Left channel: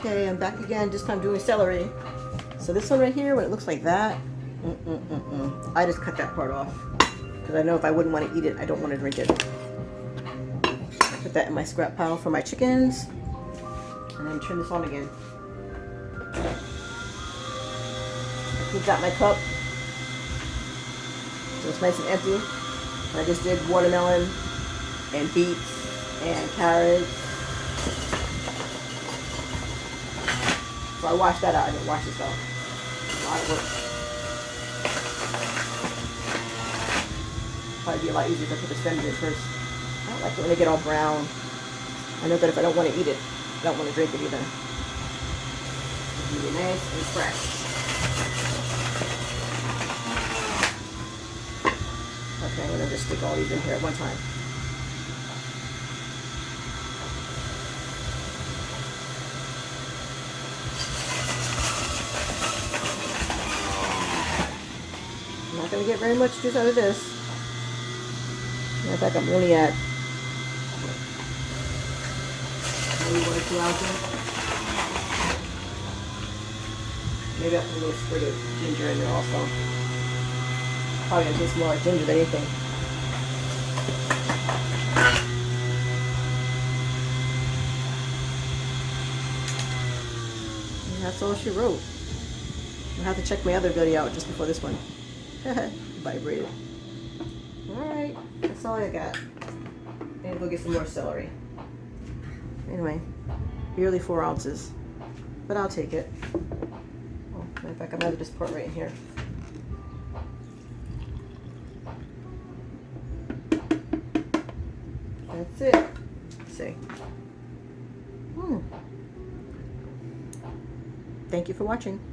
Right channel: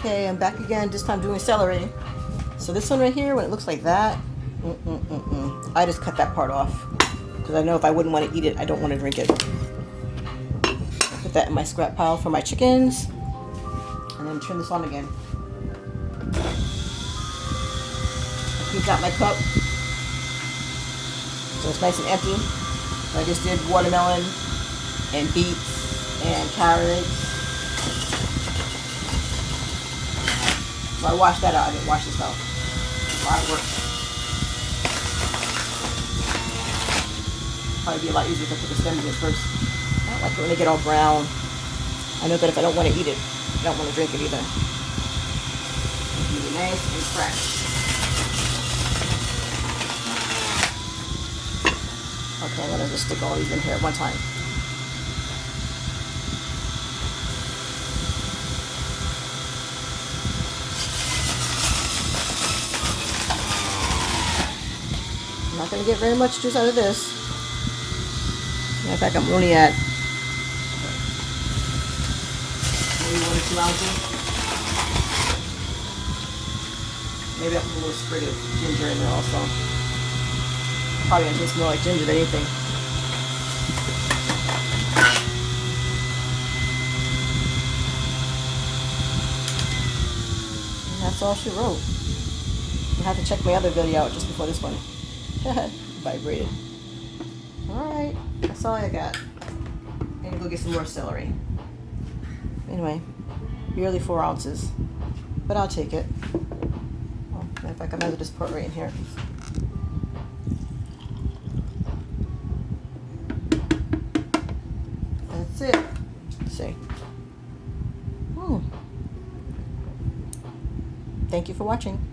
Okay, I'm back again, this time doing celery. So this one right here, when it looks like that, I just cut that part off. Because I know if I wouldn't want to eat it, I don't want to drink it. Put that in my scrap pile for my chickens. And then turn this on again. I cleaned out my cup. So it's nice and empty. I just did watermelon and beets and carrots. So I washed that out. I didn't wash this out. A lot of work. Probably be a lot easier to put the stems in first. I don't like it when they get all brown. I know that if I don't want to eat it, I don't want to drink it either. It's really nice and fresh. Okay, I'm going to just stick all these in here at one time. I'm not going to get very much juice out of this. Matter of fact, I'm only at maybe 1 or 2 ounces. Maybe I'll put a little sprig of ginger in there also. Probably going to taste more like ginger than anything. And that's all she wrote. I'll have to check my other video out just before this one. Vibrated. Alright, that's all I got. I'm gonna go get some more celery. Anyway, barely 4 ounces. But I'll take it. Oh, matter of fact, I'm gonna just put right in here. That's it. Let's see. Thank you for watching.